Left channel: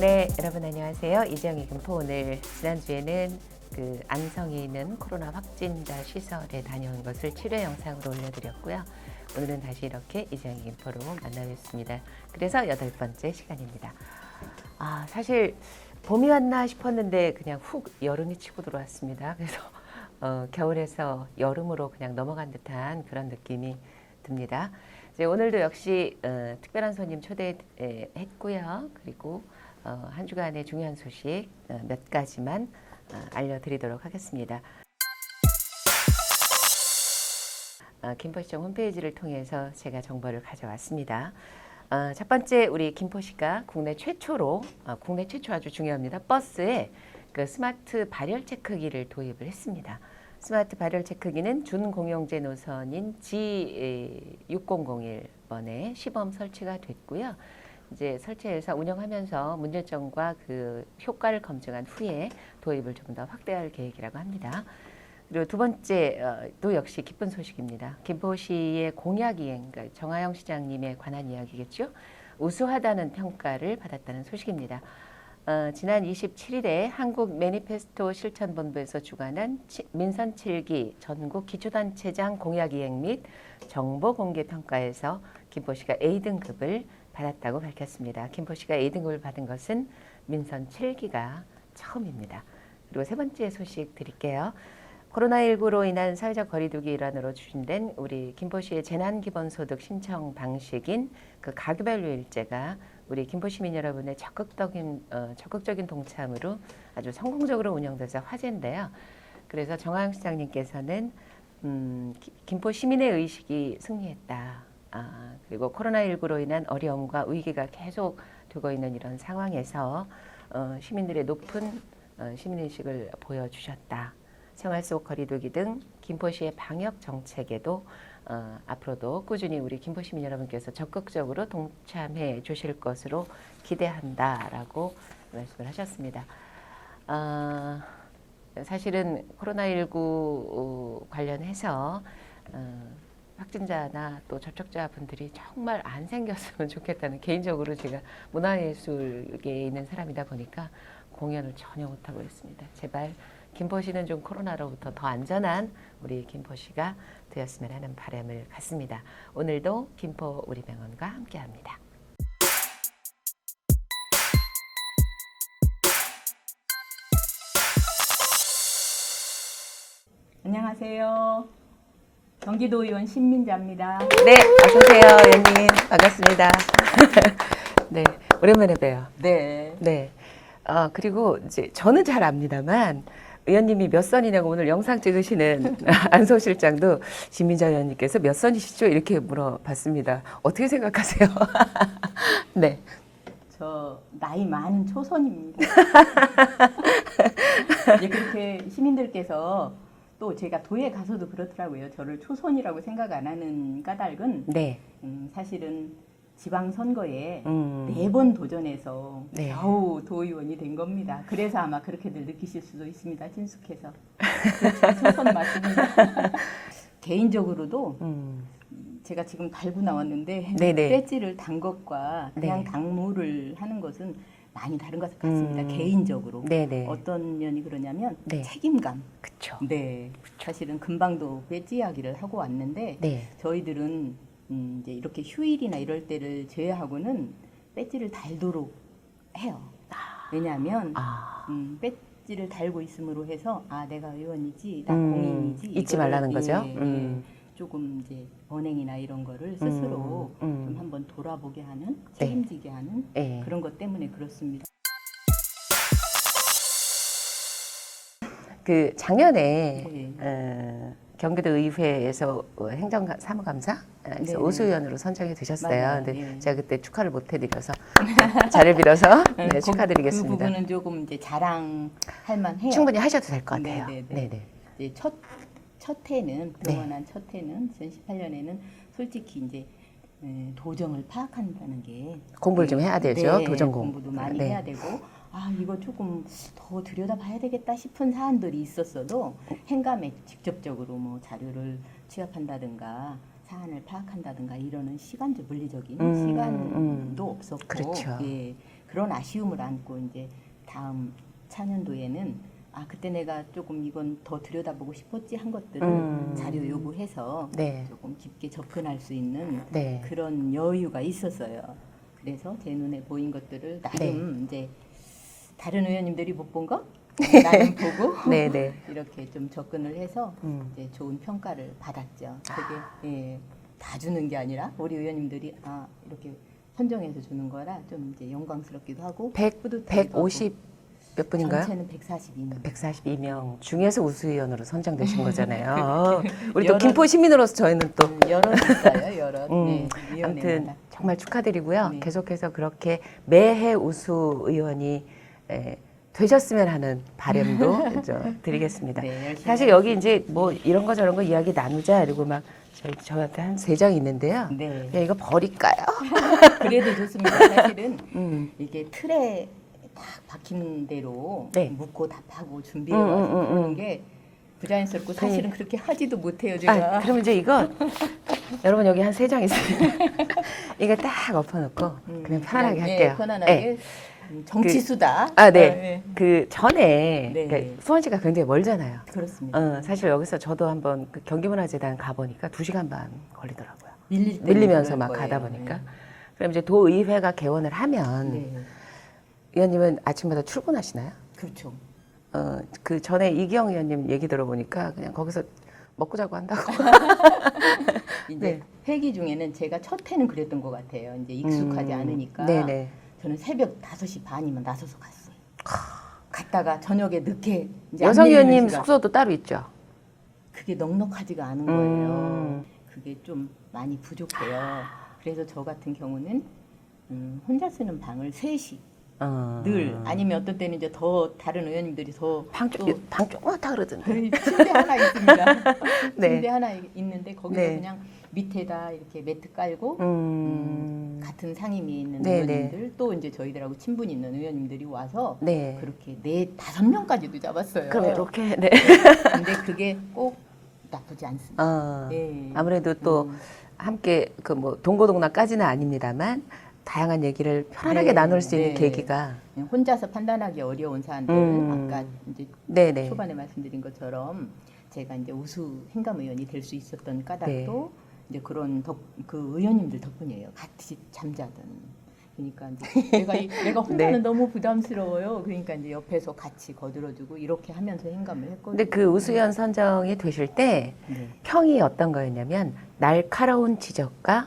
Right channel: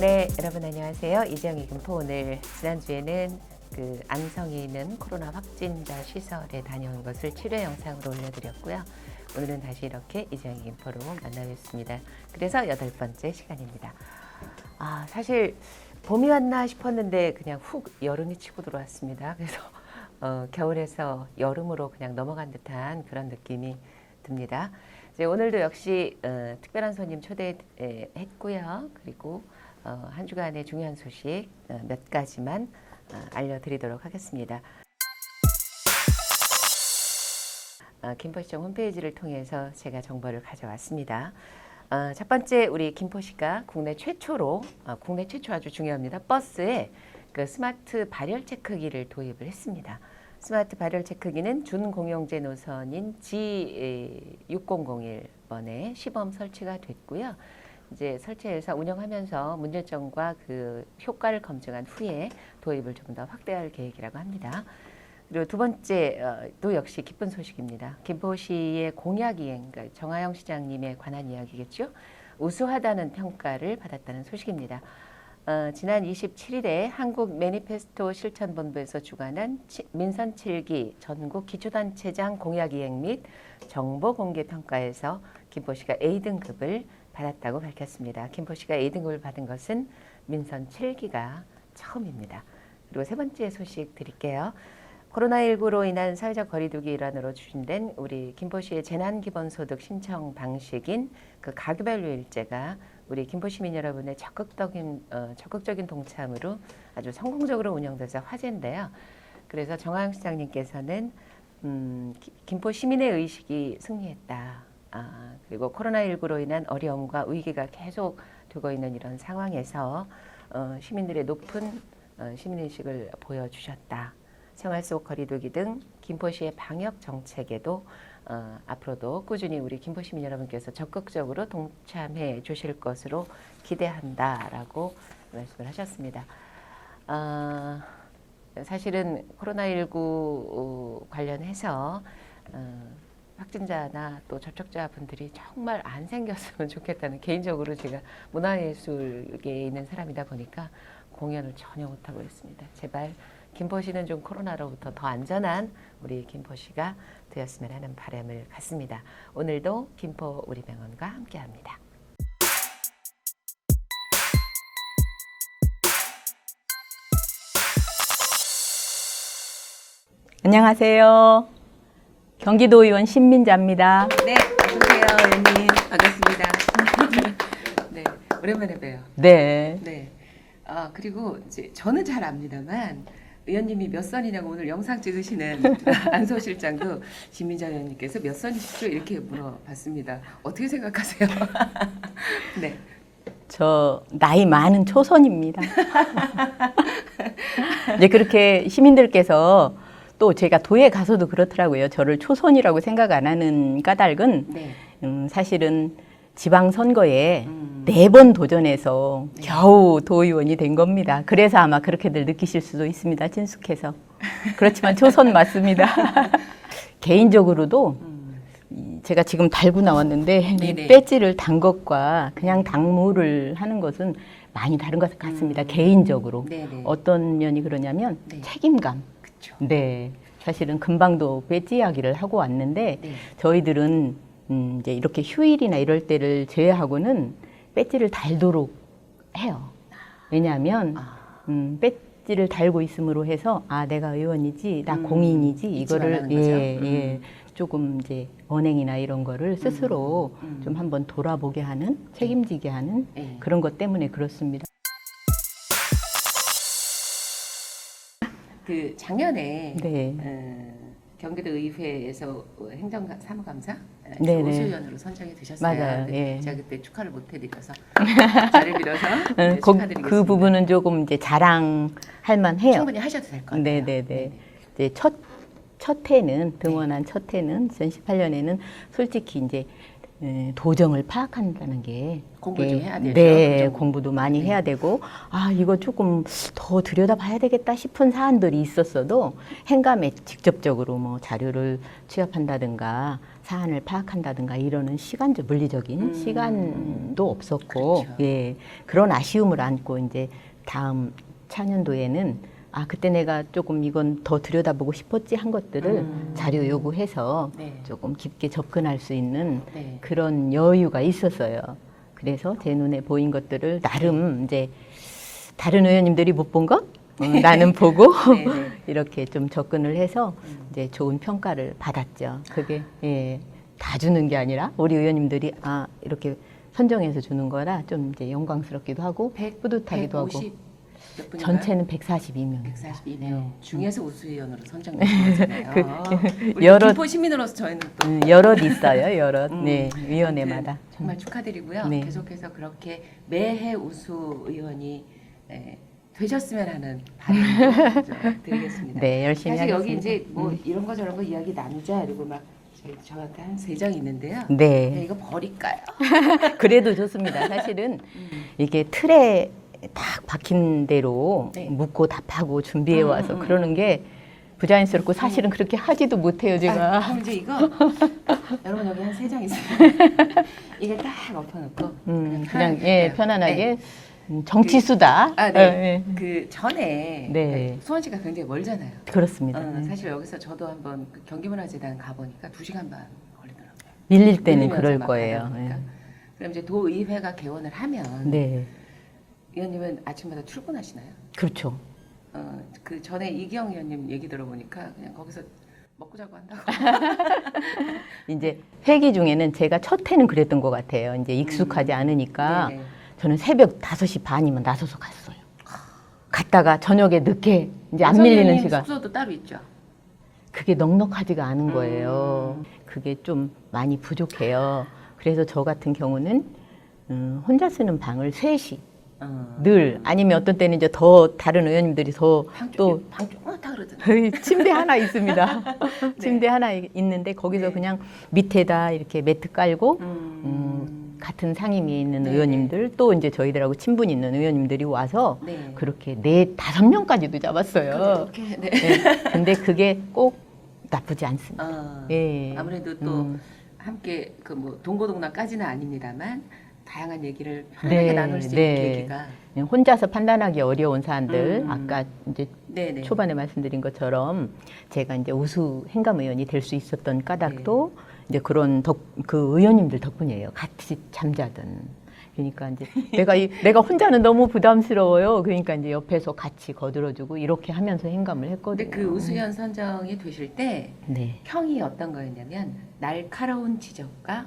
네, 여러분 안녕하세요. 이정희 김포. 오늘 지난주에는 안성에 있는 코로나 확진자 시설에 다녀온 것을 7회 영상으로 올려드렸고요. 오늘은 다시 이렇게 이정희 김포로 만나뵙습니다. 그래서 8번째 시간입니다. 사실 봄이 왔나 싶었는데 그냥 훅 여름이 치고 들어왔습니다. 그래서 겨울에서 여름으로 그냥 넘어간 듯한 그런 느낌이 듭니다. 이제 오늘도 역시 특별한 손님 초대했고요. 그리고 한 주간의 중요한 소식 몇 가지만 알려드리도록 하겠습니다. 김포시청 홈페이지를 통해서 제가 정보를 가져왔습니다. 첫 번째, 우리 김포시가 국내 최초 아주 중요합니다. 버스에 그 스마트 발열 체크기를 도입을 했습니다. 스마트 발열 체크기는 준공용제 노선인 G6001번에 시범 설치가 됐고요. 이제 설치해서 운영하면서 문제점과 그 효과를 검증한 후에 도입을 좀 더 확대할 계획이라고 합니다. 그리고 두 번째, 또 역시 기쁜 소식입니다. 김포시의 공약이행, 그러니까 정하영 시장님에 관한 이야기겠죠. 우수하다는 평가를 받았다는 소식입니다. 지난 27일에 한국 매니페스토 실천본부에서 주관한 민선 7기 전국 기초단체장 공약이행 및 정보공개평가에서 김포시가 A등급을 받았다고 밝혔습니다. 김포시가 A등급을 받은 것은 민선 7기가 처음입니다. 그리고 세 번째 소식 드릴게요. 코로나19로 인한 사회적 거리두기 일환으로 추진된 우리 김포시의 재난기본소득 신청 방식인 그 가구별류일제가 우리 김포 시민 여러분의 적극적인 동참으로 아주 성공적으로 운영돼서 화제인데요. 그래서 정하영 시장님께서는 김포 시민의 의식이 승리했다. 그리고 코로나19로 인한 어려움과 위기가 계속 되고 있는 이런 상황에서 시민들의 높은 시민의식을 보여주셨다. 생활 속 거리두기 등 김포시의 방역 정책에도 앞으로도 꾸준히 우리 김포 시민 여러분께서 적극적으로 동참해 주실 것으로 기대한다라고 말씀을 하셨습니다. 사실은 코로나19 관련해서 확진자나 또 접촉자분들이 정말 안 생겼으면 좋겠다는, 개인적으로 제가 문화예술계에 있는 사람이다 보니까 공연을 전혀 못하고 있습니다. 제발 김포시는 좀 코로나로부터 더 안전한 우리 김포시가 되었으면 하는 바람을 갖습니다. 오늘도 김포 우리 병원과 함께합니다. 안녕하세요. 경기도의원 신민자입니다. 네, 어서오세요, 의원님. 반갑습니다. 네, 오랜만에 봬요. 네. 네. 그리고 이제 저는 잘 압니다만 의원님이 몇 선이냐고 오늘 영상 찍으시는 안소 실장도 신민자 의원님께서 몇 선이시죠? 이렇게 물어봤습니다. 어떻게 생각하세요? 네. 저 나이 많은 초선입니다. 이제 그렇게 시민들께서 또 제가 도에 가서도 그렇더라고요. 저를 초선이라고 생각 안 하는 까닭은 네. 사실은 지방선거에 4번 도전해서 네. 겨우 도의원이 된 겁니다. 그래서 아마 그렇게들 느끼실 수도 있습니다. 친숙해서. 그렇지만 초선 맞습니다. 개인적으로도 제가 지금 달고 나왔는데 네네. 배지를 단 것과 그냥 네. 당무를 하는 것은 많이 다른 것 같습니다. 개인적으로. 네네. 어떤 면이 그러냐면 네. 책임감. 그쵸. 네. 사실은 금방도 배지 이야기를 하고 왔는데 네. 저희들은 이제 이렇게 휴일이나 이럴 때를 제외하고는 배지를 달도록 해요. 왜냐하면 배지를 달고 있음으로 해서 내가 의원이지, 나 공인이지, 잊지 이거를 말라는 거죠. 조금 이제 언행이나 이런 거를 스스로 좀 한번 돌아보게 하는, 책임지게 하는 네. 그런 것 때문에 그렇습니다. 그 작년에 네. 경기도 의회에서 행정사무감사 네네. 우수위원으로 선정이 되셨어요. 맞아요. 근데 네. 제가 그때 축하를 못 해드려서 자리를 빌어서 네, 축하드리겠습니다. 그 부분은 조금 이제 자랑할 만해요. 충분히 하셔도 될 것 같아요. 네네네. 이제 첫 해는 등원한 첫 해는 2018년에는 솔직히 이제 도정을 파악한다는 게 공부를 좀 해야 되죠. 네, 도정 공부도 많이 네. 해야 되고 이거 조금 더 들여다봐야 되겠다 싶은 사안들이 있었어도 행감에 직접적으로 뭐 자료를 취합한다든가 사안을 파악한다든가 이러는 시간적 물리적인 시간도 없었고 그렇죠. 예, 그런 아쉬움을 안고 이제 다음 차년도에는 아 그때 내가 조금 이건 더 들여다보고 싶었지 한 것들을 자료 요구해서 네. 조금 깊게 접근할 수 있는 네. 그런 여유가 있었어요. 그래서 제 눈에 보인 것들을 나름 이제 다른 의원님들이 못 본 거 나는 보고 네, 네. 이렇게 좀 접근을 해서 이제 좋은 평가를 받았죠. 그게 예, 다 주는 게 아니라 우리 의원님들이 아 이렇게 선정해서 주는 거라 좀 이제 영광스럽기도 하고 100, 뿌듯하기도 150 몇 분인가요? 전체는 142명. 142명 중에서 우수위원으로 선정되신 거잖아요. 우리 여러- 또 김포 시민으로서 저희는 또 여럿 있어요, 여럿. 네, 아무튼 위원회마다. 정말 축하드리고요. 네. 계속해서 그렇게 매해 우수 의원이 되셨으면 하는 바람도 드리겠습니다. 네, 열심히 사실 여기 하겠습니다. 이제 뭐 이런 거 저런 거 이야기 나누자 이러고 막 저한테 한 3장 있는데요. 네. 야, 이거 버릴까요? 그래도 좋습니다. 사실은 이게 틀에 딱 박힌 대로 네. 묻고 답하고 준비해 와서 그러는 게 부자연스럽고 사실은 그렇게 하지도 못해요, 제가. 아, 그럼 이제 이거 여러분 여기 한 3장 있습니다. 이거 딱 엎어놓고 그냥 편하게 예, 할게요. 편안하게 네. 정치 수다. 아, 네. 네. 그 전에 네. 그러니까 수원시가 굉장히 멀잖아요. 그렇습니다. 사실 여기서 저도 한번 그 경기문화재단 가보니까 2시간 반 걸리더라고요. 밀릴 때는 밀리면서 그럴 막 거예요. 가다 보니까. 그럼 이제 도의회가 개원을 하면 네. 의원님은 아침마다 출근하시나요? 그렇죠. 그 전에 이기영 의원님 얘기 들어보니까 그냥 거기서 먹고 자고 한다고. 이제 회기 중에는 제가 첫 해는 그랬던 것 같아요. 이제 익숙하지 않으니까 네네. 저는 새벽 5시 반이면 나서서 갔어요. 갔다가 저녁에 늦게 이제 안 여성 밀리는 의원님 시간. 숙소도 따로 있죠? 그게 넉넉하지가 않은 거예요. 그게 좀 많이 부족해요. 그래서 저 같은 경우는 혼자 쓰는 방을 3시 늘 아니면 어떤 때는 이제 더 다른 의원님들이 더 또 방 조그맣다 그러던데. 침대 하나 있습니다. 네. 침대 하나 있는데 거기서 네. 그냥 밑에다 이렇게 매트 깔고 같은 상임위에 있는 네, 의원님들 또 이제 저희들하고 친분 있는 의원님들이 와서 네. 그렇게 4-5명까지도 잡았어요. 그럼 이렇게 네. 근데 그게 꼭 나쁘지 않습니다. 예. 아무래도 또 함께 그 뭐 동고동락까지는 아닙니다만 다양한 얘기를 편하게 네, 나눌 수 있는 네. 계기가. 혼자서 판단하기 어려운 사안들 아까 이제 네네. 초반에 말씀드린 것처럼 제가 이제 우수 행감 의원이 될 수 있었던 까닭도 이제 그런 그 의원님들 덕분이에요. 같이 잠자든. 그러니까 이제 내가 혼자는 너무 부담스러워요. 그러니까 이제 옆에서 같이 거들어주고 이렇게 하면서 행감을 했거든요. 근데 그 우수위원 선정이 되실 때 네. 평이 어떤 거였냐면 날카로운 지적과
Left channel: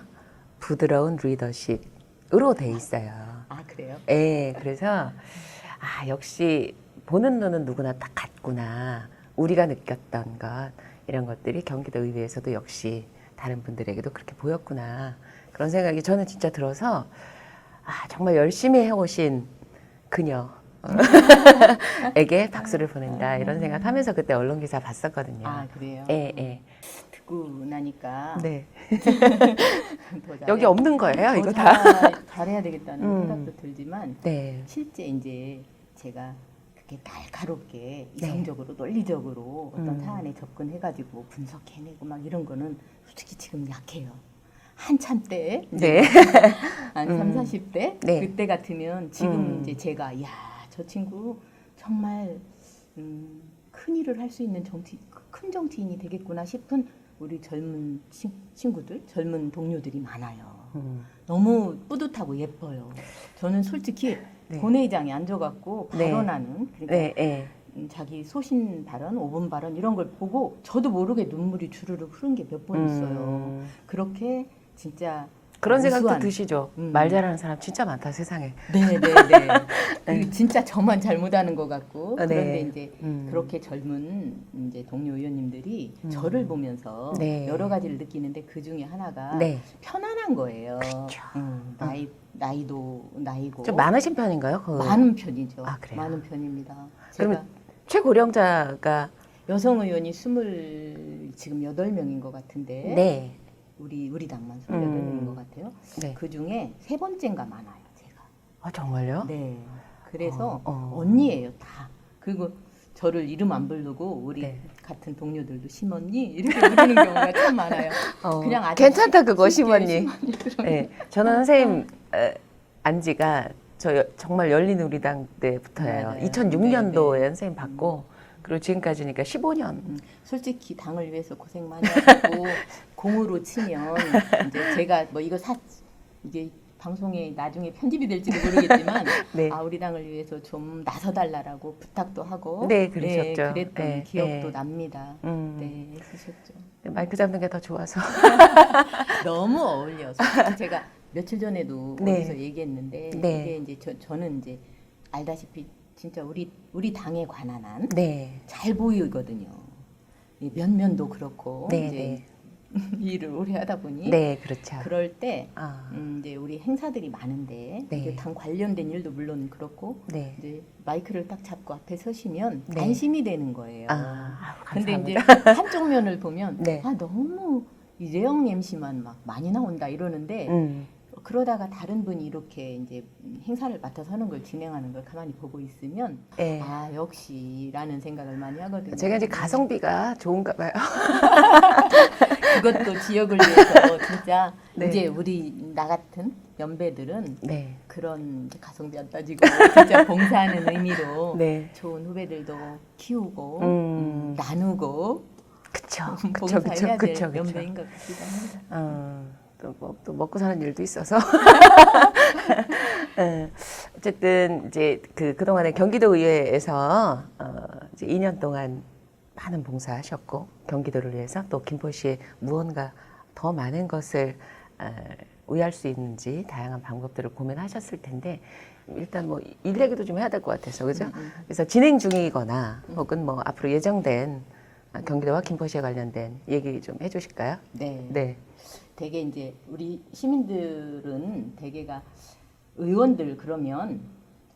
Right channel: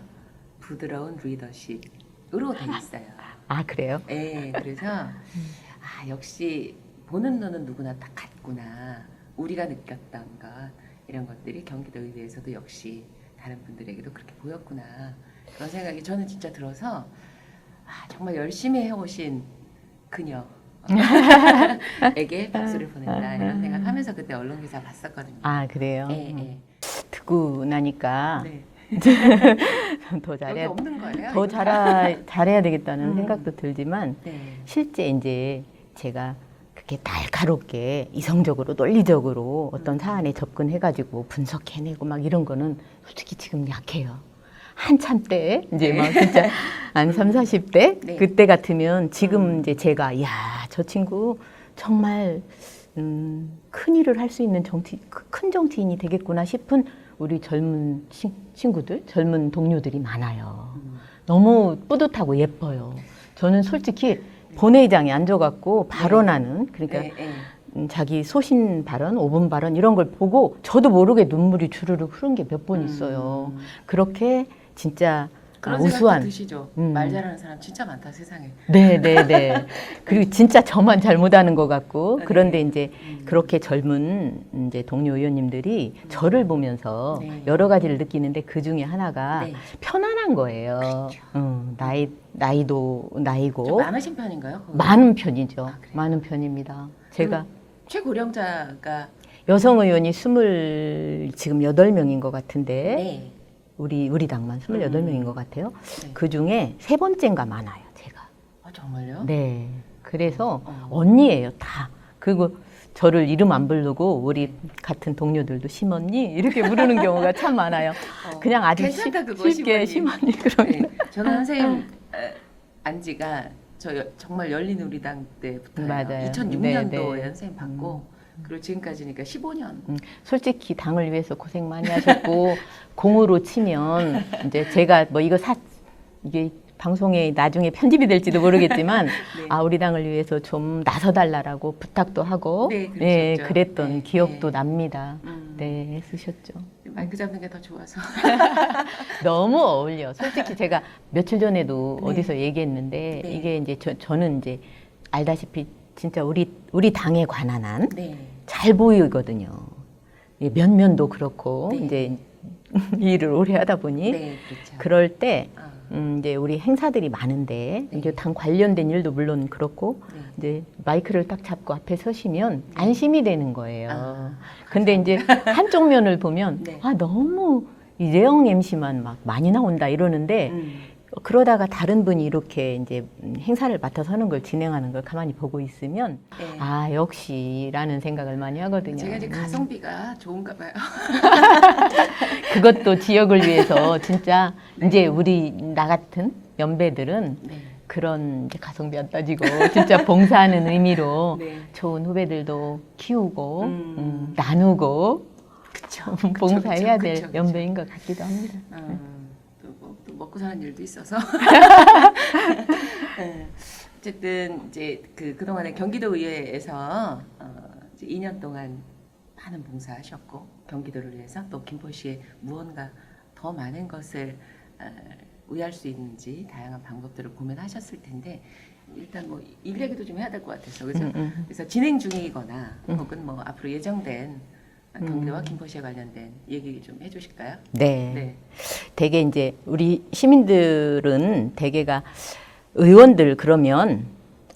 부드러운 리더십으로 돼 있어요. 아 그래요? 네, 그래서 아 역시 보는 눈은 누구나 다 같구나. 우리가 느꼈던 것 이런 것들이 경기도 의회에서도 역시 다른 분들에게도 그렇게 보였구나. 그런 생각이 저는 진짜 들어서 아 정말 열심히 해오신 그녀에게 박수를 보낸다 이런 생각하면서 그때 언론 기사 봤었거든요. 아 그래요? 예, 예. 듣고 나니까 네. 더 잘해, 여기 없는 거예요, 더 이거 다. 잘해야 되겠다는 생각도 들지만 네. 실제 이제 제가 그렇게 날카롭게 이성적으로 논리적으로 어떤 사안에 접근해가지고 분석해내고 막 이런 거는 솔직히 지금 약해요. 한참 때 이제 네. 막 진짜 한 3, 40대 네. 그때 같으면 지금 이제 제가 야, 저 친구 정말 큰 일을 할 수 있는 큰 정치인이 되겠구나 싶은 우리 젊은 친구들, 젊은 동료들이 많아요. 너무 뿌듯하고 예뻐요. 저는 솔직히 본회의장에 앉아갖고 발언하는 그러니까 네, 네. 자기 소신 발언, 5분 발언 이런 걸 보고 저도 모르게 눈물이 주르륵 흐른 게 몇 번 있어요. 그렇게 진짜 그런 생각도 우수한 드시죠? 말 잘하는 사람 진짜 많다 세상에. 네. 그리고 진짜 저만 잘못하는 것 같고 네. 그런데 이제 그렇게 젊은 이제 동료 의원님들이 저를 보면서 네. 여러 가지를 느끼는데 그 중에 하나가 네. 편안한 거예요. 그렇죠. 나이도 나이고 좀 많으신 편인가요? 많은 편이죠. 아, 그래요? 많은 편입니다. 제가 최고령자가 여성 의원이 지금 8명인 것 같은데 네. 우리 당만 28명인 것 같아요. 네. 그 중에 3번째인가 많아요, 제가. 아 정말요? 네. 그래서 어. 언니예요, 다. 그리고 저를 이름 안 부르고 우리 네. 같은 동료들도 심었니? 이렇게 부르는 경우가 참 많아요. 그냥 아주 괜찮다 그거 쉽게 심었니? 그러면 네, 저는 선생님 안지가 정말 열린 우리당 때부터예요. 맞아요. 2006년도에 네. 선생님 받고 그리고 지금까지니까 15년. 솔직히 당을 위해서 고생 많이 하셨고 공으로 치면 이제 제가 뭐 이게 방송에 나중에 편집이 될지도 모르겠지만 네. 아 우리 당을 위해서 좀 나서달라고 부탁도 하고 네, 그러셨죠. 그랬던 네, 기억도 네. 납니다. 음. 네, 쓰셨죠. 마이크 잡는 게 더 좋아서. 너무 어울려. 솔직히 제가 며칠 전에도 네. 어디서 얘기했는데 네. 이게 이제 저는 이제 알다시피 진짜 우리 당에 관한 한 잘 네. 보이거든요. 이 면면도 그렇고 네, 이제 일을 오래 하다 보니 네, 그렇죠. 그럴 때 아, 이제 우리 행사들이 많은데 네. 이제 당 관련된 일도 물론 그렇고 네. 이제 마이크를 딱 잡고 앞에 서시면 네. 안심이 되는 거예요. 아, 근데 이제 한쪽 면을 보면 네. 아 너무 이재영 MC만 막 많이 나온다 이러는데 그러다가 다른 분이 이렇게 이제 행사를 맡아서 하는 걸 진행하는 걸 가만히 보고 있으면 네. 아 역시라는 생각을 많이 하거든요. 제가 이제 가성비가 좋은가 봐요. 그것도 지역을 위해서 진짜 네. 이제 우리 나 같은 연배들은 네. 그런 이제 가성비 안 따지고 진짜 봉사하는 의미로 네. 좋은 후배들도 키우고 음. 나누고 그쵸. 봉사해야 될 그쵸. 연배인 것 같기도 합니다. 또 먹고 사는 일도 있어서. 어쨌든 이제 그동안에 경기도 의회에서 이제 2년 동안 많은 봉사하셨고 경기도를 위해서 또 김포시에 무언가 더 많은 것을 의할 수 있는지 다양한 방법들을 고민하셨을 텐데 일단 뭐 일 얘기도 좀 해야 될 것 같아서 그죠? 그래서 진행 중이거나 혹은 뭐 앞으로 예정된 경기도와 김포시에 관련된 얘기 좀 해주실까요? 네. 네. 되게 이제 우리 시민들은 대개가 의원들 그러면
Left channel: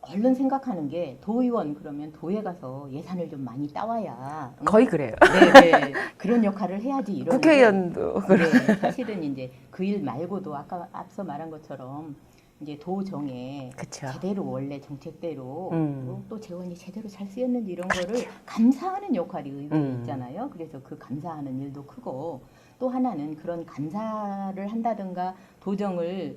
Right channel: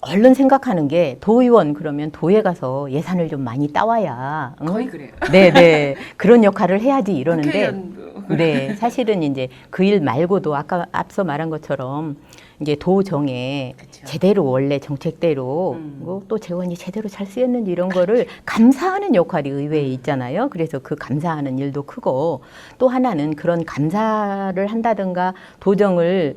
얼른 생각하는 게 도의원 그러면 도에 가서 예산을 좀 많이 따와야 거의 그래요. 네네 그런 역할을 해야지 이러는데 국회의원도 네 사실은 이제 그 일 말고도 아까 앞서 말한 것처럼 이제 도정에 그쵸. 제대로 원래 정책대로 그리고 또 재원이 제대로 잘 쓰였는지 이런 거를 감사하는 역할이 의회에 있잖아요. 그래서 그 감사하는 일도 크고 또 하나는 그런 감사를 한다든가 도정을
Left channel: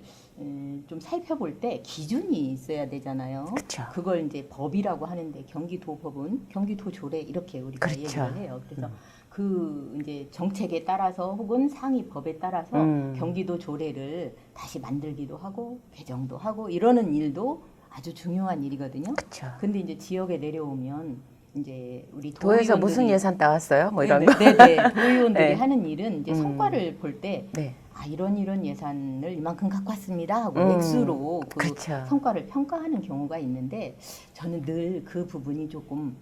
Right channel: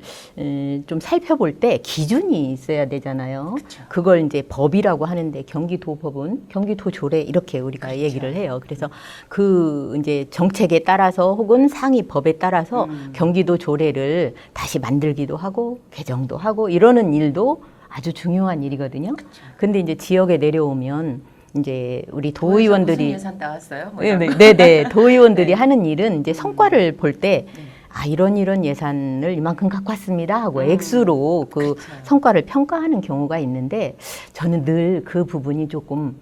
좀 살펴볼 때 기준이 있어야 되잖아요. 그쵸. 그걸 이제 법이라고 하는데 경기도법은 경기도조례 이렇게 우리가 그렇죠. 얘기를 해요. 그래서 그 이제 정책에 따라서 혹은 상위 법에 따라서 경기도 조례를 다시 만들기도 하고 개정도 하고 이러는 일도 아주 중요한 일이거든요. 그쵸. 근데 이제 지역에 내려오면 이제 우리 도에서 도의원들이 무슨 예산 따왔어요? 뭐 이런 거. 네네 도의원들이 네. 하는 일은 이제 성과를 볼 때 네. 아 이런 예산을 이만큼 갖고 왔습니다 하고 액수로 그 그쵸. 성과를 평가하는 경우가 있는데 저는 늘 그 부분이 조금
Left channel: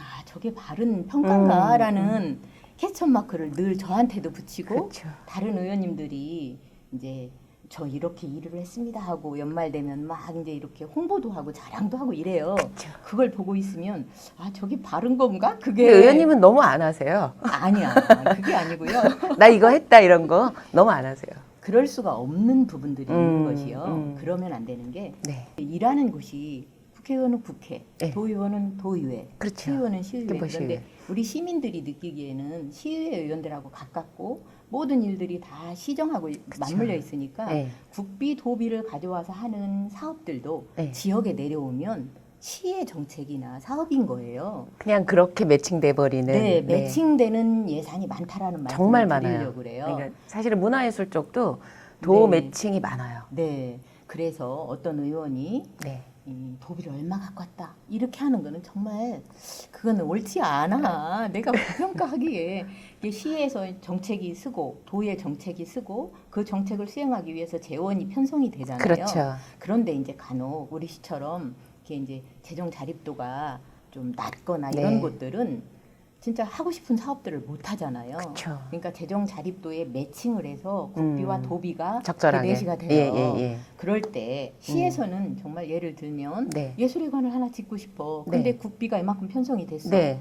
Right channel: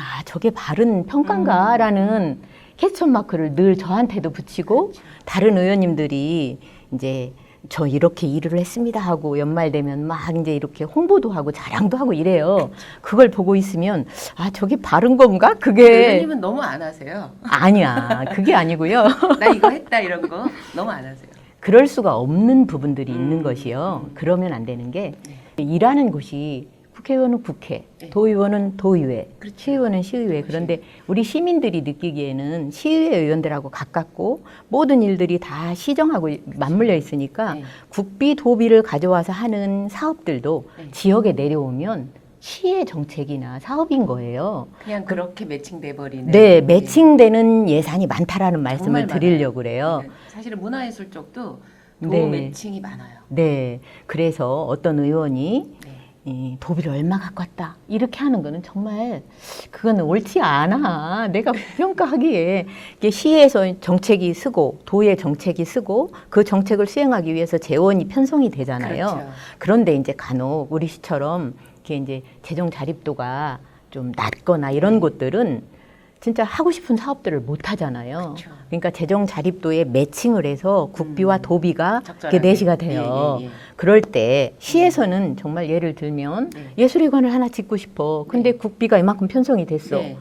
아 저게 바른 평가인가라는 캐스천 마크를 늘 저한테도 붙이고 그쵸. 다른 의원님들이 이제 저 이렇게 일을 했습니다 하고 연말 되면 막 이제 이렇게 홍보도 하고 자랑도 하고 이래요. 그걸 보고 있으면 아 저게 바른 건가? 그게 의원님은 너무 안 하세요. 아니야. 그게 아니고요. 나 이거 했다 이런 거 너무 안 하세요. 그럴 수가 없는 부분들이 있는 것이요. 그러면 안 되는 게 네. 일하는 곳이 국회의원은 국회, 네. 도의원은 도의회, 그렇죠. 시의원은 시의회. 그런데 시의회. 우리 시민들이 느끼기에는 시의회 의원들하고 가깝고 모든 일들이 다 시정하고 맞물려 있으니까 네. 국비, 도비를 가져와서 하는 사업들도 네. 지역에 내려오면 시의 정책이나 사업인 거예요. 그냥 그렇게 매칭돼 버리는. 네, 매칭되는 예산이 많다라는 정말 말씀을 드리려고 그래요. 그러니까 사실은 문화예술 쪽도 도 네. 매칭이 많아요. 네, 그래서 어떤 의원이 네. 이 도비를 얼마 갖고 왔다 이렇게 하는 거는 정말 그건 옳지 않아. 내가 평가하기에 이게 시에서 정책이 쓰고 도의 정책이 쓰고 그 정책을 수행하기 위해서 재원이 편성이 되잖아요. 그렇죠. 그런데 이제 간혹 우리 시처럼 이렇게 이제 재정 자립도가 좀 낮거나 이런 네. 곳들은 진짜 하고 싶은 사업들을 못 하잖아요. 그쵸. 그러니까 재정 자립도에 매칭을 해서 국비와 도비가 적절하게. 이게 내시가 돼요. 예. 그럴 때 시에서는 정말 예를 들면 네. 예술회관을 하나 짓고 싶어. 근데 네. 국비가 이만큼 편성이 됐어. 네.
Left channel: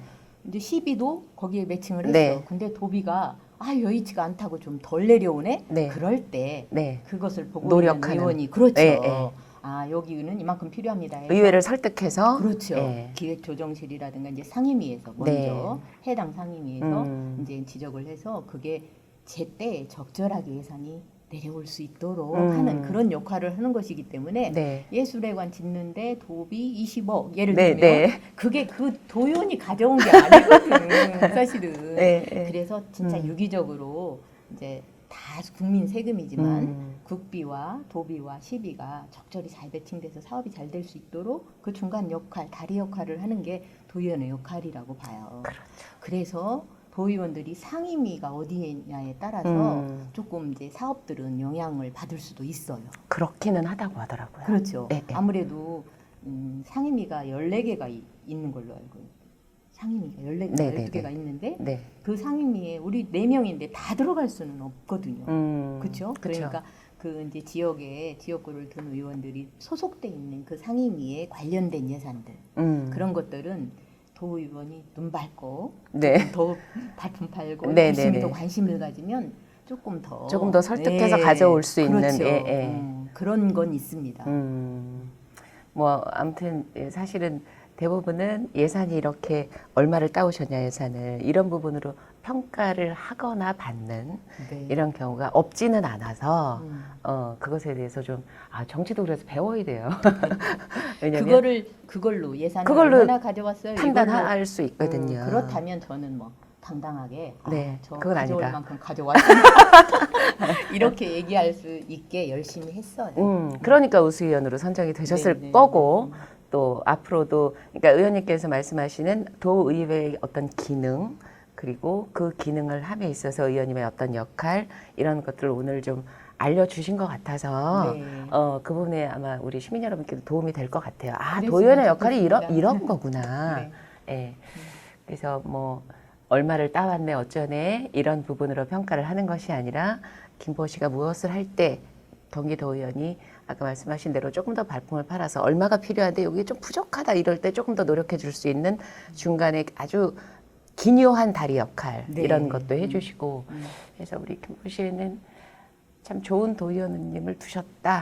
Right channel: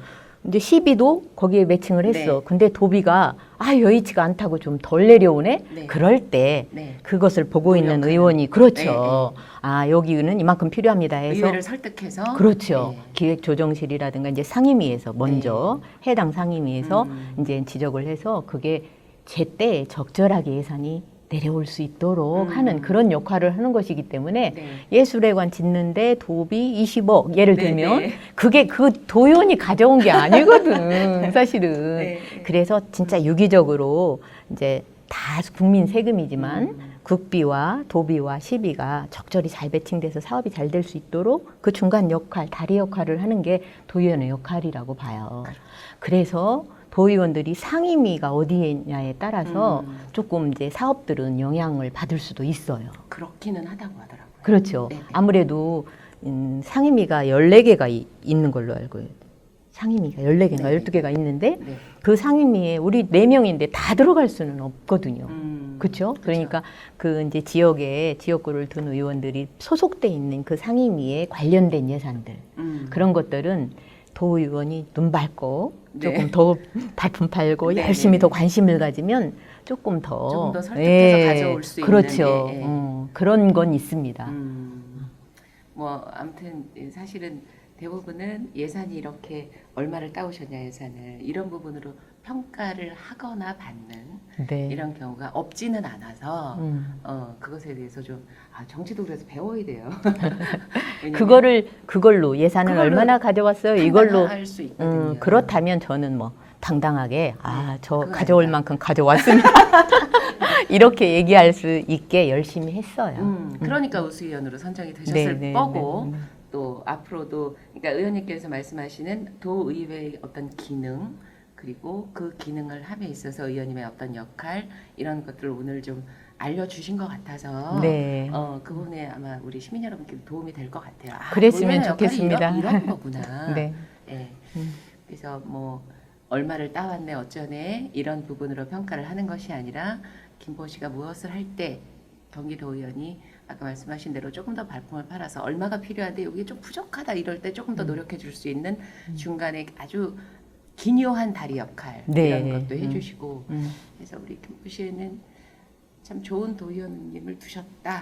이제 시비도 거기에 매칭을 했어. 네. 근데 도비가 여의치가 않다고 좀 덜 내려오네. 네. 그럴 때 네. 그것을 보고 있는 노력하는. 의원이 그렇죠. 네, 네. 여기는 이만큼 필요합니다 해서 의회를 설득해서 그렇죠. 네. 기획조정실이라든가 이제 상임위에서 먼저 해당 상임위에서 이제 지적을 해서 그게 제때 적절하게 예산이 내려올 수 있도록 하는 그런 역할을 하는 것이기 때문에 네. 예술회관 짓는데 도비 20억 예를 네, 들면 네. 그게 그 도연이 가져온 게 아니거든 사실은. 네, 네. 그래서 진짜 유기적으로 이제 다 국민 세금이지만 국비와 도비와 시비가 적절히 잘 배팅돼서 사업이 잘 될 수 있도록 그 중간 역할, 다리 역할을 하는 게 도의원의 역할이라고 봐요. 그래서 도의원들이 상임위가 어디냐에 따라서 조금 이제 사업들은 영향을 받을 수도 있어요. 그렇기는 하다고 하더라고요. 그렇죠. 네, 네. 아무래도 상임위가 14개가 있는 걸로 알고 있어요. 상임위가 14개인가 네, 12개가 있는데 네. 그 상임위에 우리 4명인데 다 들어갈 수는 없거든요. 그렇죠? 그쵸. 그러니까 그 이제 지역에 지역구를 둔 의원들이 소속돼 있는 그 상임위에 관련된 예산들 그런 것들은 도의원이 눈 밝고 네. 조금 더 발품 팔고 네, 열심히 네, 더 네. 관심을 가지면 조금 더 설득해서 가져올 수 그렇죠. 있는 예. 그런 건 있습니다. 뭐 아무튼 사실은 대부분은 예산이 이렇게 얼마를 따오셨냐 예산을 이런 부분으로 평가를 하거나 받는 네. 이런 경우가 없지는 않아서 그것에 대해서 좀 정치도 그래서 배워야 돼요. 왜냐면 그걸로 예산을 그걸로 얼마나 가져왔어요? 이걸로 할 수 있거든요. 그렇다면 저는 뭐 당당하게 저 그건 가져올 아니다. 만큼 가져왔습니다. 이렇게 얘기할 수 있게 열심히 했어요. 그러니까 우수위원으로 선정이 되셨을 네, 네, 거고 또 앞으로도 그러니까 의원님께서 말씀하시는 도의회의 어떤 기능 그리고 그 기능을 함에 있어서 의원님의 어떤 역할 이런 것들을 오늘 좀 알려주신 것 같아서 네. 그 부분에 아마 우리 시민 여러분께도 도움이 될 것 같아요. 그랬으면 도의원의 역할이 좋겠습니다. 이런 거구나. 네. 예. 그래서 뭐 얼마를 따왔네 어쩌네 이런 부분으로 평가를 하는 것이 아니라 김보호 씨가 무엇을 할 때 경기도의원이 아까 말씀하신 대로 조금 더 발품을 팔아서 얼마가 필요한데 여기 좀 부족하다 이럴 때 조금 더 노력해 줄 수 있는 중간에 아주 기묘한 다리 역할 네. 이런 것도 해주시고 그래서 우리 김보호 씨는 참 좋은 도의원님을 두셨다.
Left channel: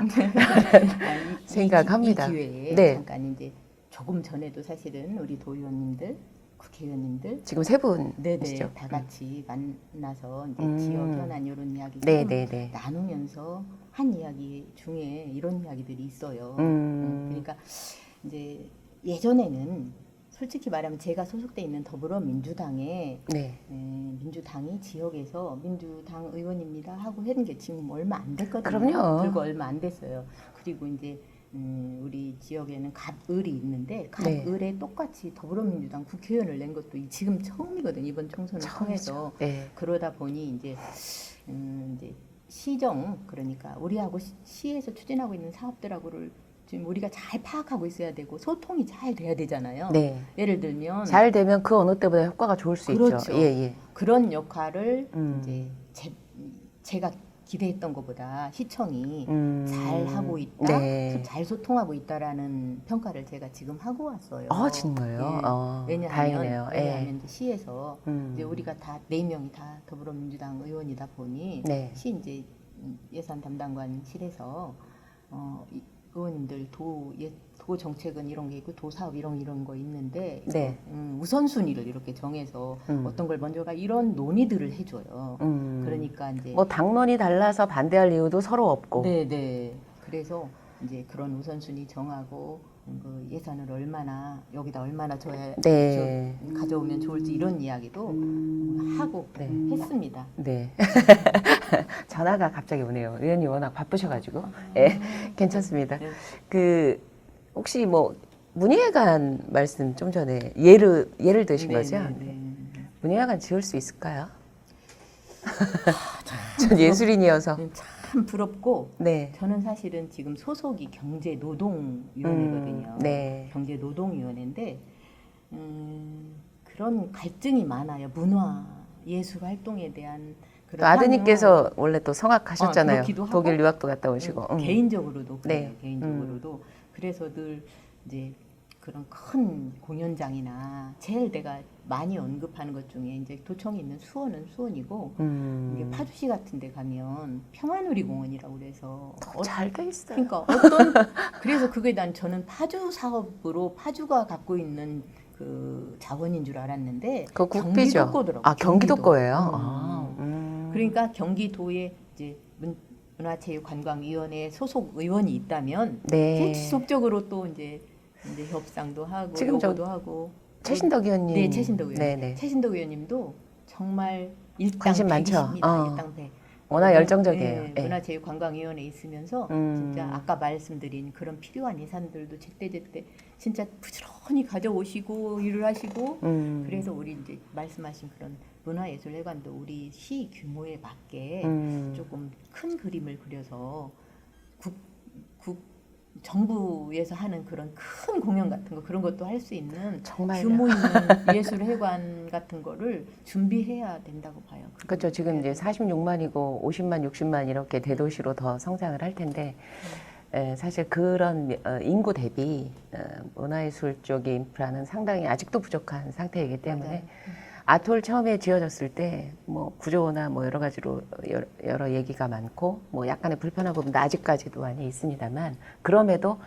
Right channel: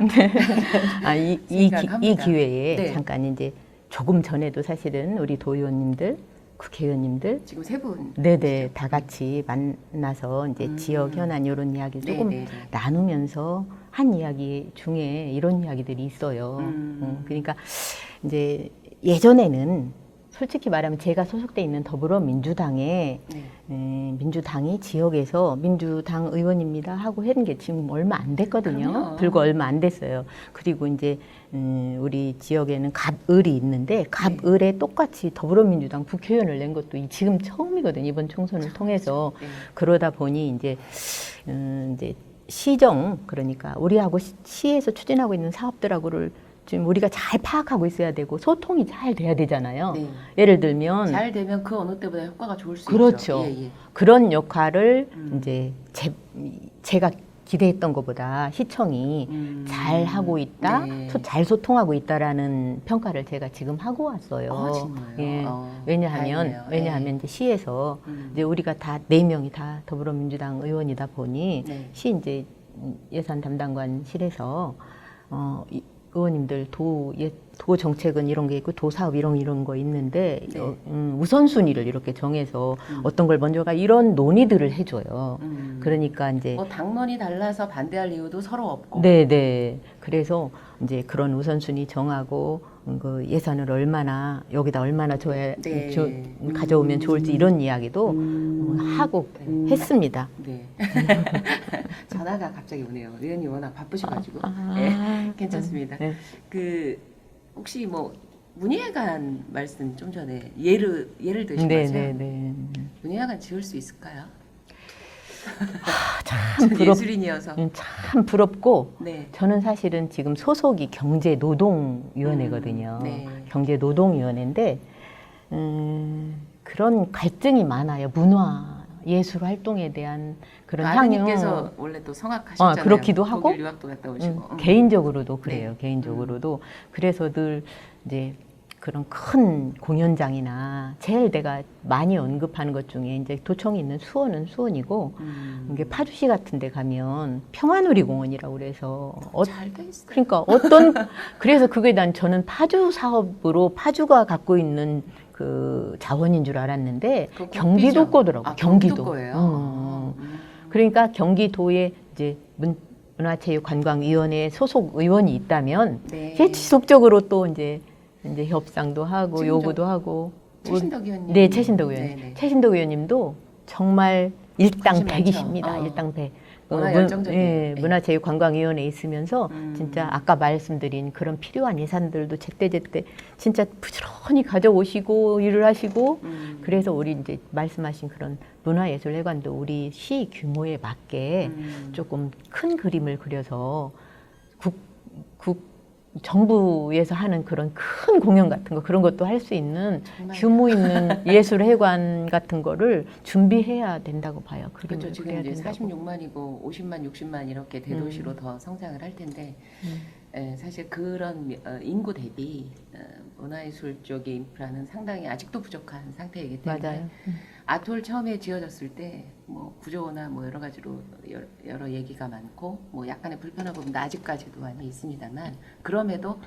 이 생각합니다. 기회에 네. 잠깐 이제 조금 전에도 사실은 우리 도의원님들, 국회의원님들 지금 세 분. 네네 다 같이 만나서 이제 지역 현안 이런 이야기 조금 네네네. 나누면서 한 이야기 중에 이런 이야기들이 있어요. 그러니까 이제 예전에는 솔직히 말하면 제가 소속돼 있는 더불어민주당에 네. 민주당이 지역에서 민주당 의원입니다 하고 했는 게 지금 얼마 안 됐거든요. 그럼요. 불과 얼마 안 됐어요. 그리고 이제 우리 지역에는 갑을이 있는데 갑을에 똑같이 더불어민주당 국회의원을 낸 것도 지금 처음이거든요. 이번 총선을 통해서. 네. 그러다 보니 이제 시정 그러니까 우리하고 시에서 추진하고 있는 사업들하고를 지금 우리가 잘 파악하고 있어야 되고 소통이 잘 돼야 되잖아요. 네. 예를 들면 잘 되면 그 어느 때보다 효과가 좋을 수 그렇죠. 있죠. 예, 예. 그런 역할을 이제 제가 기대했던 것보다 시청이 잘 하고 있다, 네. 잘 소통하고 있다라는 평가를 제가 지금 하고 왔어요. 정말요? 예. 다행이네요. 왜냐하면 이제 시에서 이제 우리가 다 4명이 다 더불어민주당 의원이다 보니 네. 시 이제 예산 담당관실에서 의원님들 도 정책은 이런 게 있고 도 사업 이런 거 있는데 네. 우선순위를 이렇게 정해서 어떤 걸 먼저 가 이런 논의들을 해줘요. 그러니까 이제 뭐 당론이 달라서 반대할 이유도 서로 없고. 네. 그래서 이제 그런 우선순위 정하고 그 예산을 여기다 얼마나 가져오면 좋을지 이런 이야기도 하고 했습니다. 네. 전화가 갑자기 오네요. 의원님 워낙 바쁘셔가지고. 네, 괜찮습니다. 네. 그 혹시 뭐 문예관 말씀 좀 전에 예를 드신 거죠? 네. 문예관 지을 수 있을까요? 참 전 예술인이어서. 참 부럽고 네. 저는 사실은 지금 소속이 경제노동위원회거든요. 네. 경제노동위원회인데 그런 갈등이 많아요. 문화, 예술 활동에 대한 그런 아드님께서 원래 또 성악하셨잖아요. 그렇기도 하고 독일 유학도 갔다 오시고. 개인적으로도 그래요. 네. 개인적으로도 그래서 늘 이제 그런 큰 공연장이나 제일 내가 많이 언급하는 것 중에 이제 도청이 있는 수원은 수원이고 이게 파주시 같은 데 가면 평화누리공원이라고 그래서 잘 돼 있어요. 그러니까 그래서 그게 저는 파주 사업으로 파주가 갖고 있는 그 자원인 줄 알았는데 그거 경기도 국비죠? 거더라고. 아, 경기도 거예요? 그러니까 경기도에 이제 문화체육관광위원회 소속 의원이 있다면 네. 제 지속적으로 또 이제 협상도 하고 지금 요구도 하고. 최신덕 의원님. 네, 최신덕 의원님. 네네. 최신덕 의원님도 정말 관심 많죠? 일당백이십니다. 일당백. 워낙 열정적이에요. 네, 네. 문화체육관광위원회에 있으면서 진짜 아까 말씀드린 그런 필요한 예산들도 제때제때 진짜 부지런히 가져오시고 일을 하시고 그래서 우리 이제 말씀하신 그런 문화예술회관도 우리 시 규모에 맞게 조금 큰 그림을 그려서 정부에서 하는 그런 큰 공연 같은 거 그런 것도 할 수 있는 정말요? 규모 있는 예술회관 같은 거를 준비해야 된다고 봐요. 그렇죠. 지금 이제 46만이고 50만, 60만 이렇게 대도시로 더 성장을 할 텐데 사실 그런 인구 대비 문화예술 쪽의 인프라는 상당히 아직도 부족한 상태이기 때문에 맞아요. 아트홀 처음에 지어졌을 때 뭐 구조나 뭐 여러 가지로 여러 얘기가 많고 뭐 약간의 불편한 부분도 아직까지도 많이 있습니다만 그럼에도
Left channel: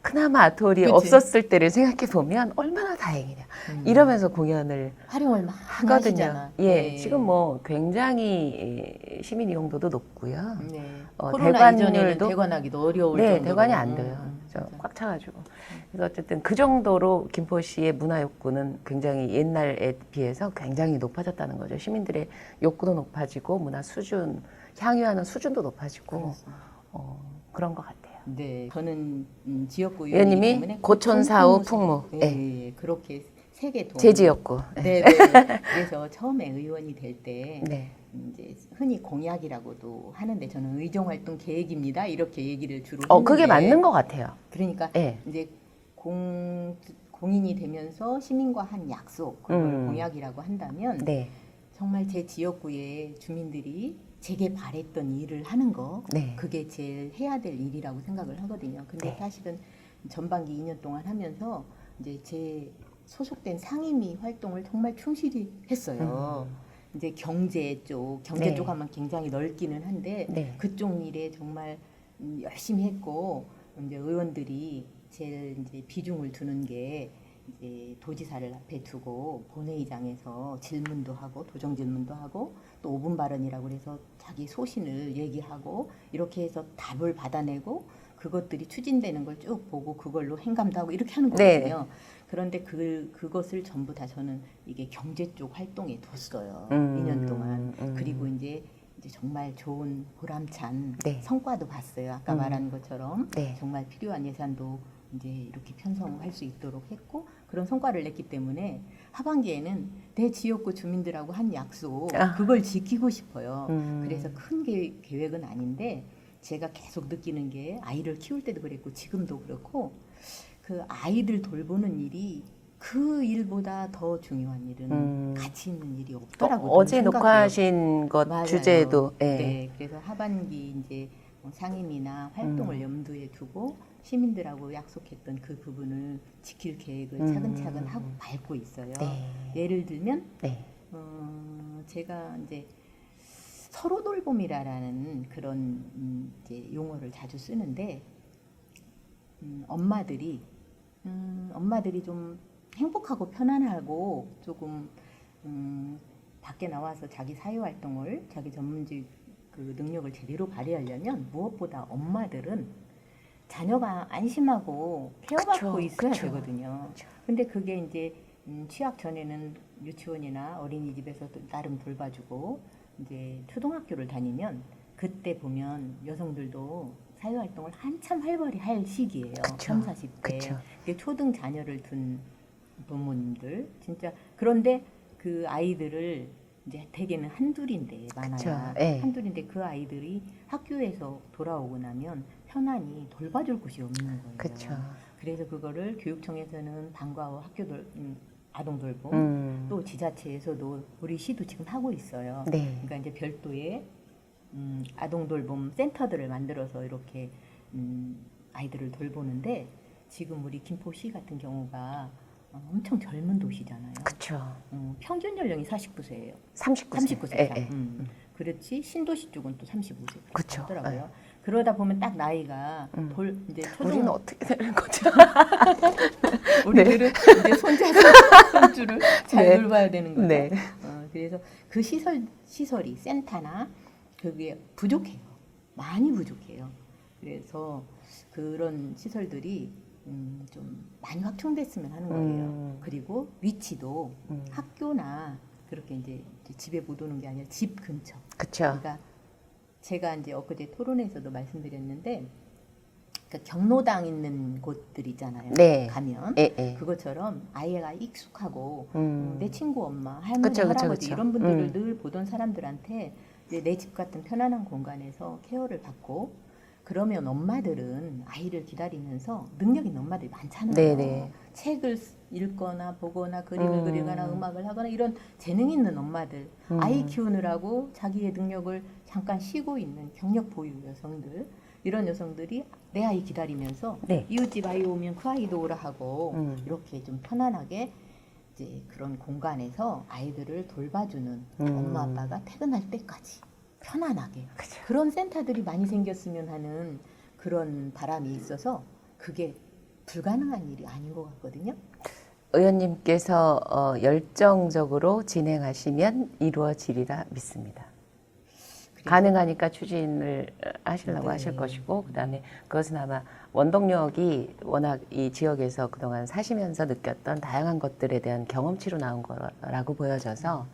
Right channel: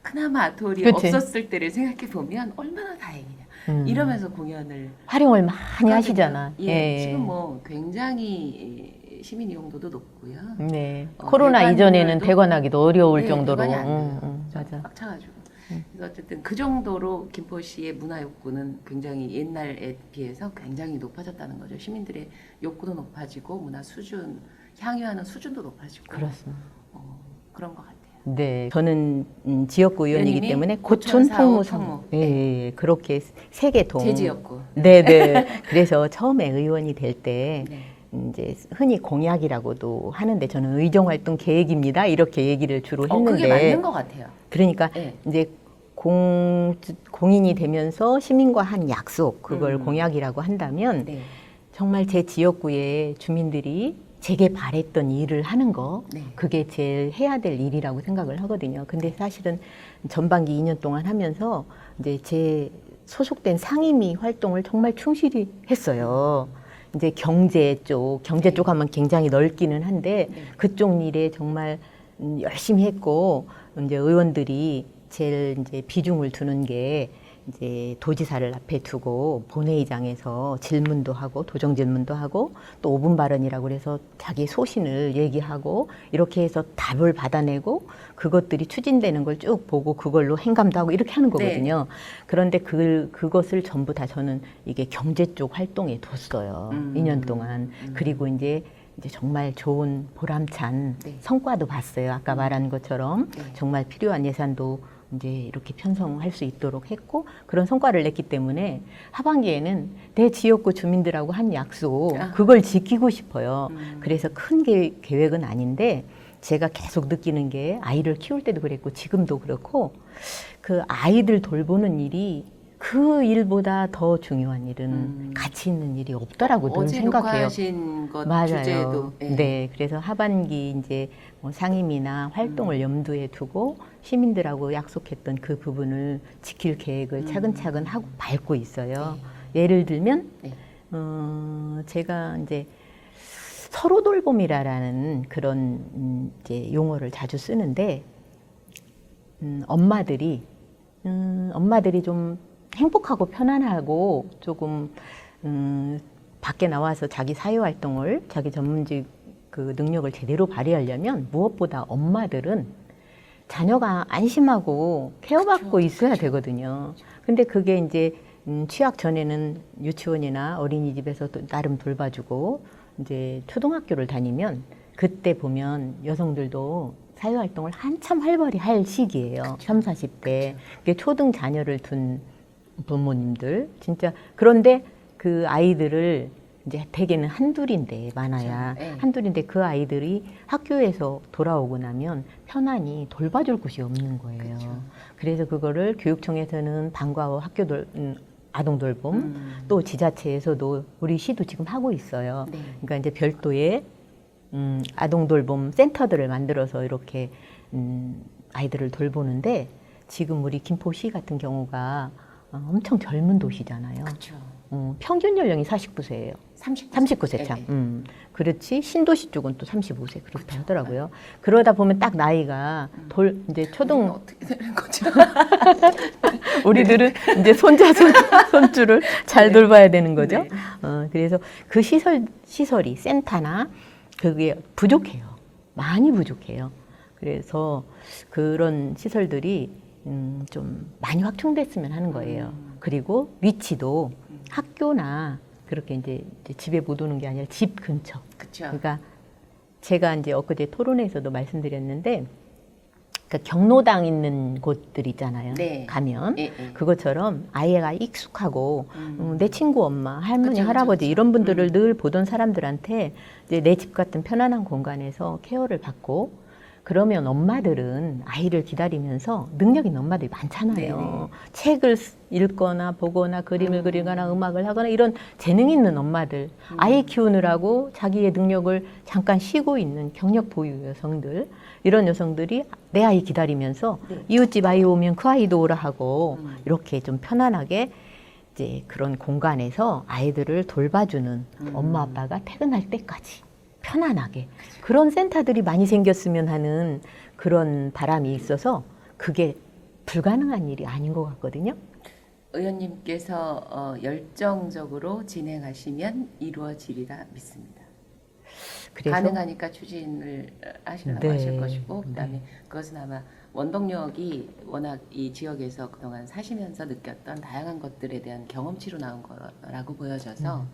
그나마 아트홀이 그치. 없었을 때를 생각해 보면 얼마나 다행이냐 이러면서 공연을 활용을 많이 하거든요. 하시잖아. 예, 네. 지금 뭐 굉장히 시민 이용도도 높고요. 네. 코로나 이전에는 대관료도- 대관하기도 어려울 네, 정도로 대관이 안 돼요. 맞아. 꽉 차가지고. 그래서 어쨌든 그 정도로 김포시의 문화 욕구는 굉장히 옛날에 비해서 굉장히 높아졌다는 거죠. 시민들의 욕구도 높아지고 문화 수준, 향유하는 수준도 높아지고 그렇습니다. 그런 것 같아요. 네, 저는 지역구 의원이기 의원님이 때문에 고촌, 사후, 고촌, 풍무. 예, 네. 예, 그렇게 세 개 동. 제 지역구. 네, 네. 그래서 처음에 의원이 될 때 네. 이제 흔히 공약이라고도 하는데 저는 의정 활동 계획입니다. 이렇게 얘기를 주로 했는데 그게 맞는 것 같아요. 그러니까 네. 이제 공인이 되면서 시민과 한 약속 그걸 공약이라고 한다면 네. 정말 제 지역구의 주민들이 제게 바랬던 일을 하는 거 네. 그게 제일 해야 될 일이라고 생각을 하거든요. 근데 네. 사실은 전반기 2년 동안 하면서 이제 제 소속된 상임위 활동을 정말 충실히 했어요. 이제 경제 네. 쪽 하면 굉장히 넓기는 한데 네. 그쪽 일에 정말 열심히 했고 이제 의원들이 제일 이제 비중을 두는 게 이제 도지사를 앞에 두고 본회의장에서 질문도 하고 도정 질문도 하고 또 5분 발언이라고 그래서 자기 소신을 얘기하고 이렇게 해서 답을 받아내고 그것들이 추진되는 걸 쭉 보고 그걸로 행감도 하고 이렇게 하는 거거든요. 그런데 그것을 전부 다 저는 이게 경제 쪽 활동에 뒀어요. 2년 동안. 그리고 이제 정말 좋은 보람찬 네. 성과도 봤어요. 아까 말한 것처럼 네. 정말 필요한 예산도 이제 이렇게 편성할 수 있도록 했고 그런 성과를 냈기 때문에 하반기에는 내 지역구 주민들하고 한 약속 그걸 지키고 싶어요. 그래서 큰 계획은 아닌데 제가 계속 느끼는 게 아이를 키울 때도 그랬고 지금도 그렇고 그 아이들 돌보는 일이 그 일보다 더 중요한 일은 가치 있는 일이 없더라고요. 어제 생각해요. 녹화하신 것 맞아요. 주제도 네, 그래서 하반기 이제 뭐 상임이나 활동을 염두에 두고 시민들하고 약속했던 그 부분을 지킬 계획을 차근차근 하고 밟고 있어요. 네. 예를 들면 네. 제가 이제 서로 돌봄이라는 그런 이제 용어를 자주 쓰는데 엄마들이 좀 행복하고 편안하고 조금 밖에 나와서 자기 사회활동을 자기 전문직 그 능력을 제대로 발휘하려면 무엇보다 엄마들은 자녀가 안심하고 케어받고 그쵸, 있어야 그쵸. 되거든요. 근데 그게 이제 취학 전에는 유치원이나 어린이집에서 또 나름 돌봐주고 이제 초등학교를 다니면 그때 보면 여성들도 사회활동을 한참 활발히 할 시기예요. 그쵸. 3, 40대. 그쵸. 그게 초등 자녀를 둔 부모님들 진짜 그런데 그 아이들을 이제 대개는 한둘인데 많아야 그쵸. 네. 한둘인데 그 아이들이 학교에서 돌아오고 나면 편안히 돌봐줄 곳이 없는 거예요. 그쵸. 그래서 그거를 교육청에서는 방과후 아동 돌봄 또 지자체에서도 우리 시도 지금 하고 있어요. 네. 그러니까 이제 별도의 아동 돌봄 센터들을 만들어서 이렇게 아이들을 돌보는데 지금 우리 김포시 같은 경우가 엄청 젊은 도시잖아요. 그렇죠. 평균 연령이 49세예요. 39세 참. 예, 예. 그렇지 신도시 쪽은 또 35세 그렇게 그쵸. 하더라고요. 그러다 보면 딱 나이가 이제 우리는 초등 어떻게 되는 거죠? 우리들은 이제 손자 손주를 잘 네. 돌봐야 되는 거죠. 네. 그래서 그 시설이 센터나 그게 부족해요. 많이 부족해요. 그래서 그런 시설들이 좀 많이 확충됐으면 하는 거예요. 그리고 위치도 학교나 그렇게 이제 집에 못 오는 게 아니라 집 근처. 그렇죠. 그러니까 제가 이제 엊그제 토론회에서도 말씀드렸는데, 그러니까 경로당 있는 곳들 있잖아요. 네. 가면 예, 예. 그것처럼 아이가 익숙하고 내 친구 엄마, 할머니, 그쵸, 그쵸, 할아버지 그쵸. 이런 분들을 늘 보던 사람들한테 이제 내 집 같은 편안한 공간에서 케어를 받고, 그러면 엄마들은 아이를 기다리면서 능력 있는 엄마들이 많잖아요. 네네. 책을 읽거나 보거나 그림을 그리거나 음악을 하거나 이런 재능 있는 엄마들, 아이 키우느라고 자기의 능력을 잠깐 쉬고 있는 경력 보유 여성들, 이런 여성들이 내 아이 기다리면서 네. 이웃집 아이 오면 그 아이도 오라 하고 이렇게 좀 편안하게 이제 그런 공간에서 아이들을 돌봐주는 엄마 아빠가 퇴근할 때까지 편안하게 그런 센터들이 많이 생겼으면 하는 그런 바람이 있어서 그게 불가능한 일이 아닌 것 같거든요. 의원님께서 열정적으로 진행하시면 이루어지리라 믿습니다. 그래서 가능하니까 추진을 하시려고 네. 하실 것이고, 그다음에 그것은 아마 원동력이 워낙 이 지역에서 그동안 사시면서 느꼈던 다양한 것들에 대한 경험치로 나온 거라고 보여져서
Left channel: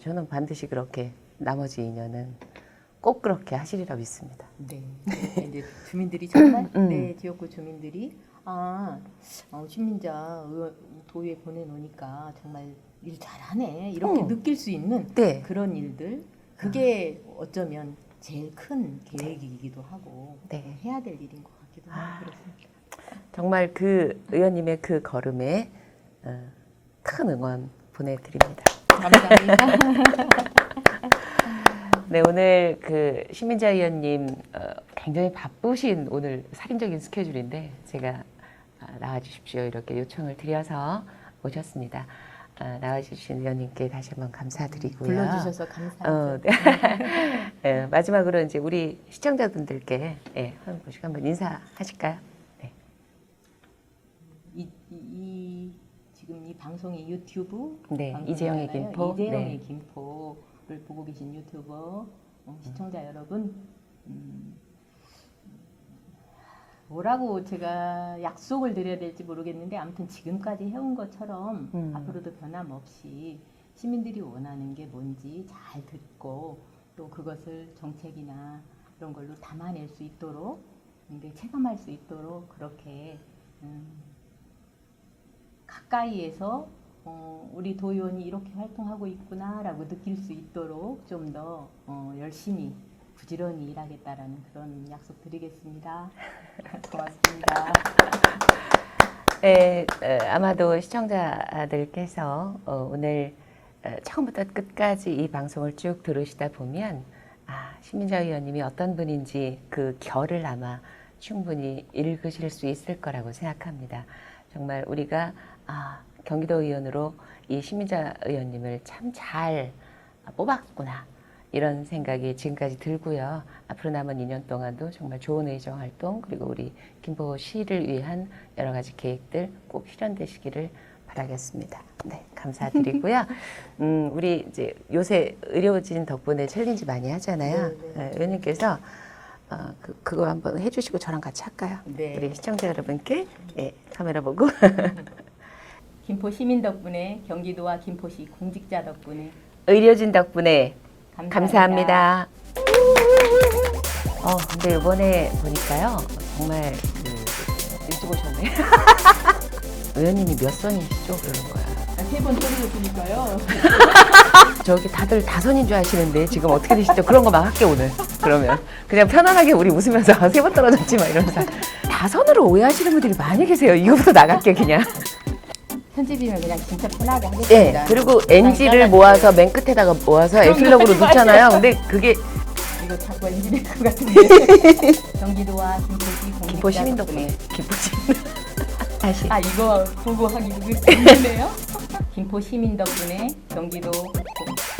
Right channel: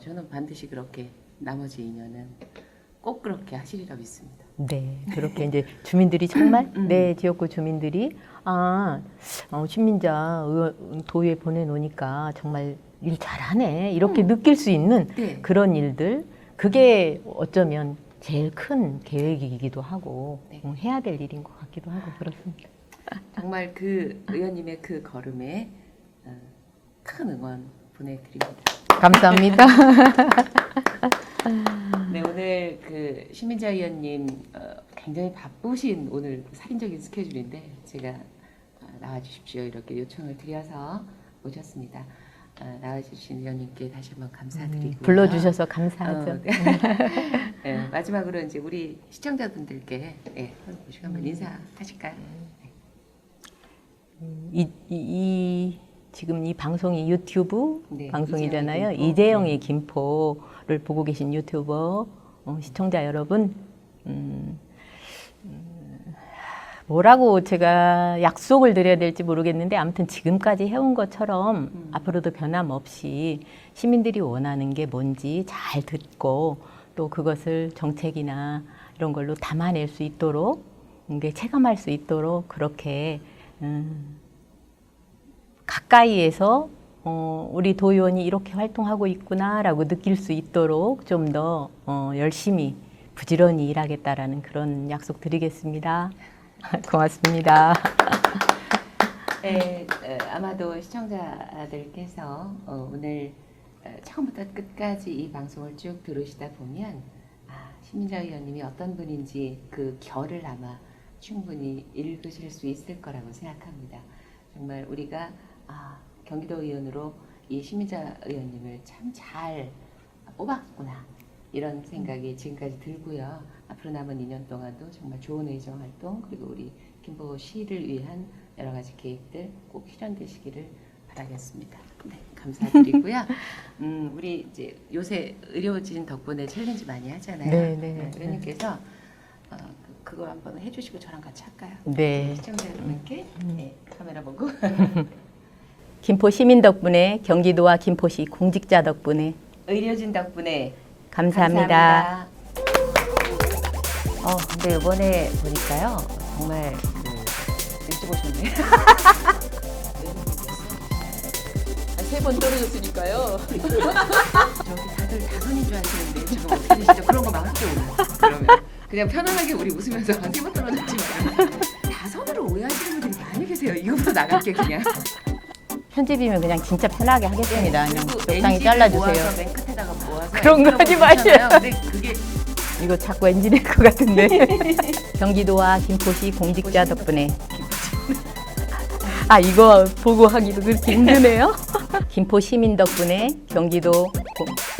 저는 반드시 그렇게 나머지 2년은 꼭 그렇게 하시리라 믿습니다. 네, 그렇게 이제 주민들이 정말 내 지역구 주민들이 신민자 도에 보내놓으니까 정말 일 잘하네 이렇게 느낄 수 있는 네. 그런 일들, 그게 어쩌면 제일 큰 계획이기도 하고 네. 해야 될 일인 것 같기도 하고 그렇습니다. 정말 그 의원님의 그 걸음에 큰 응원 보내드립니다. 감사합니다. 네, 오늘 그 신민자 의원님 굉장히 바쁘신 오늘 살인적인 스케줄인데 제가 나와주십시오 이렇게 요청을 드려서 오셨습니다. 나와주신 의원님께 다시 한번 감사드리고요. 불러주셔서 감사하죠. 네, 마지막으로 이제 우리 시청자분들께 한번 인사하실까요? 네. 지금 이 방송이 유튜브 네, 방송이잖아요. 이재영의 김포. 이재영의 김포를 보고 계신 유튜버 시청자 여러분, 뭐라고 제가 약속을 드려야 될지 모르겠는데 아무튼 지금까지 해온 것처럼 앞으로도 변함없이 시민들이 원하는 게 뭔지 잘 듣고 또 그것을 정책이나 이런 걸로 담아낼 수 있도록, 체감할 수 있도록 그렇게 가까이에서 우리 도의원이 이렇게 활동하고 있구나라고 느낄 수 있도록 좀 더 열심히 부지런히 일하겠다라는 그런 약속 드리겠습니다. 고맙습니다. 네, 아마도 시청자들께서 오늘 처음부터 끝까지 이 방송을 쭉 들으시다 보면 신민자 의원님이 어떤 분인지 그 결을 아마 충분히 읽으실 수 있을 거라고 생각합니다. 정말 우리가 경기도 의원으로 이 신민자 의원님을 참 잘 뽑았구나 이런 생각이 지금까지 들고요. 앞으로 남은 2년 동안도 정말 좋은 의정 활동 그리고 우리 김포시를 위한 여러 가지 계획들 꼭 실현되시기를 바라겠습니다. 네, 감사드리고요. 우리 이제 요새 의료진 덕분에 챌린지 많이 하잖아요. 네. 의원님께서 그거 한번 해주시고 저랑 같이 할까요? 네. 우리 시청자 여러분께 카메라 보고 김포 시민 덕분에, 경기도와 김포시 공직자 덕분에, 의료진 덕분에 감사합니다. 근데 이번에 보니까요 정말 일찍 오셨네. 의원님이 몇 선이시죠? 3번 떨어졌으니까요. 저기 다들 5선인 줄 아시는데 지금 어떻게 되시죠? 그런 거 막 할게 오늘. 그러면 그냥 편안하게 우리 웃으면서 3번 떨어졌지 막 이러면서 5선으로 오해하시는 분들이 많이 계세요. 이거부터 나갈게 그냥. 편집이면 그냥 진짜 편하게 네. 하겠습니다. 그리고 적당히 NG를 잘라주세요. 모아서 맨 끝에다가 모아서 에필로그로 하지 마세요. 붙잖아요. 근데 그게 이거 자꾸 엔진일 것 같은데. 경기도와 김포시 공직자 시민 덕분에 기쁘지. 아 이거 보고 하기도 그렇게 힘드네요. 김포 시민 덕분에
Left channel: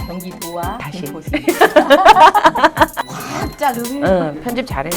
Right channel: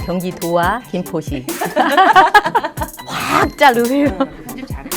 경기도와 다시. 김포시 확 자르세요. 편집 잘해.